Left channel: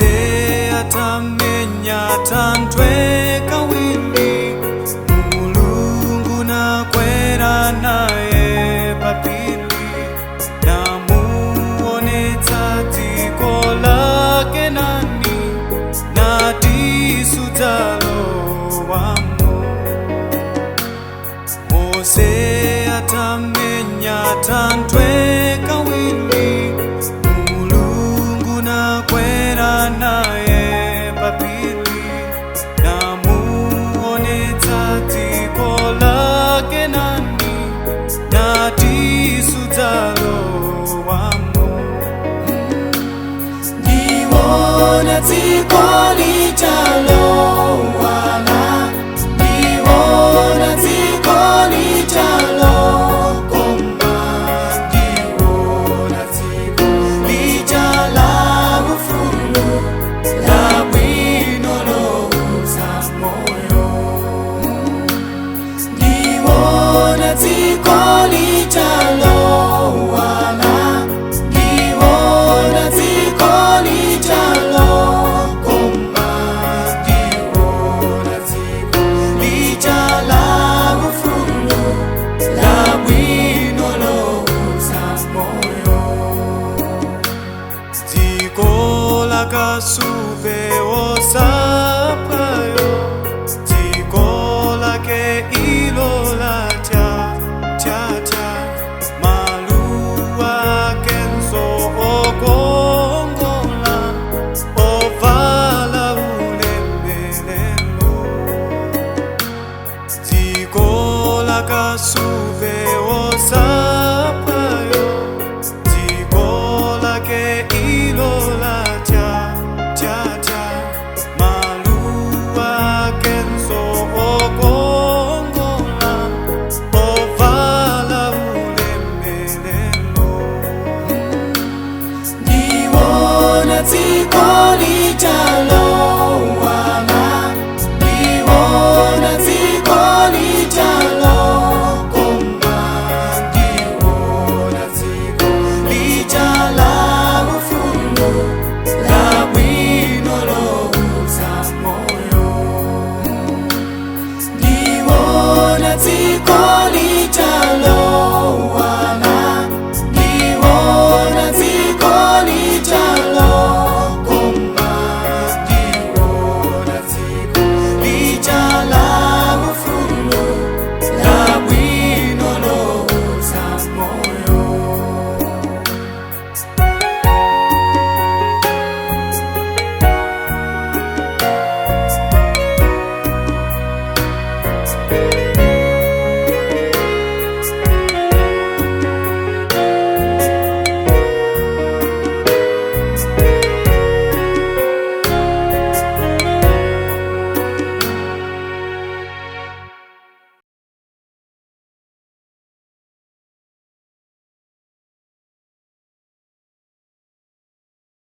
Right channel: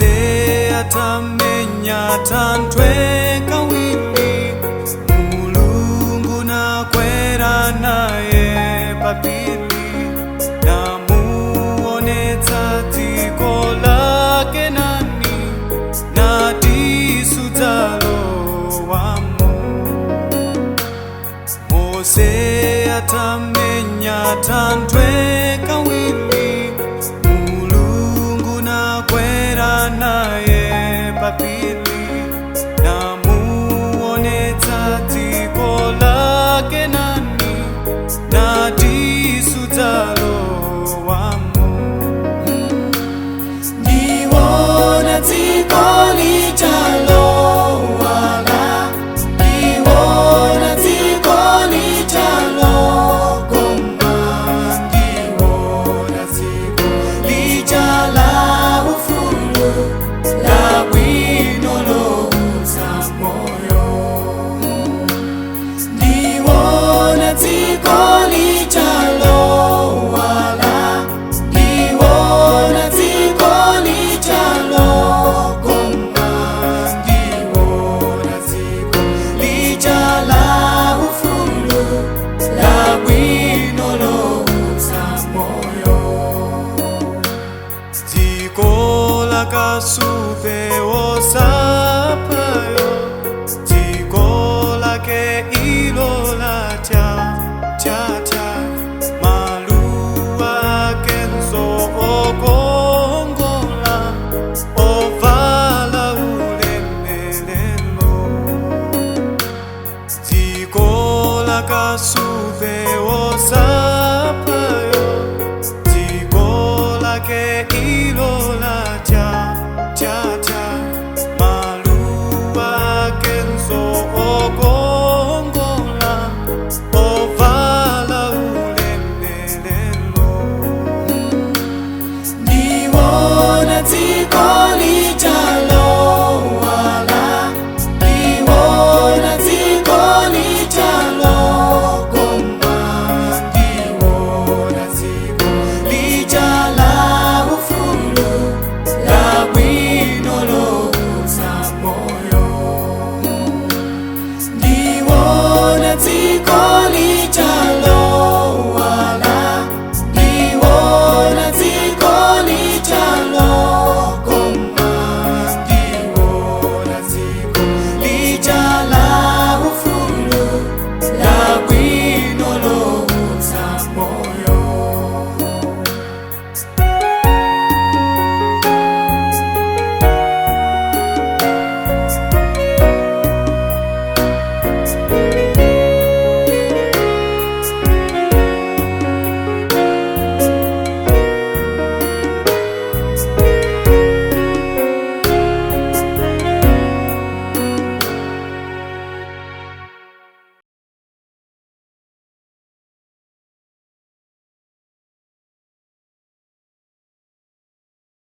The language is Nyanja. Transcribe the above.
Mose atamenya tandwe kawili, Mulungu nakwera naye papili, namuonetsa dziko la Kenani, natisu dzalowamo. Mose atamenya tandwe kawili, Mulungu nakwera naye papili, namuonetsa dziko la Kenani, natisu dzalowamo. Ndiwona dziko lichalowala, ndiwona dziko lichalokoma, ndiwona dziko lichala ufulu, la bwino louza moyo. Ndiwona dziko lichalowala, ndiwona dziko lichalokoma, ndiwona dziko lichala ufulu, la bwino louza moyo. Dziko la kasupe wosapayo, dziko lake ilo latya tya, maluwa kenso okongola, ovala ulemelelo. Dziko la kasupe wosapayo, dziko lake ilo latya tya, maluwa kenso okongola, ovala ulemelelo. Ndiwona dziko lichalowala, ndiwona dziko lichalokoma, ndiwona dziko lichala ufulu, la bwino louza moyo. Ndiwona dziko lichalowala, ndiwona dziko lichalokoma, ndiwona dziko lichala ufulu,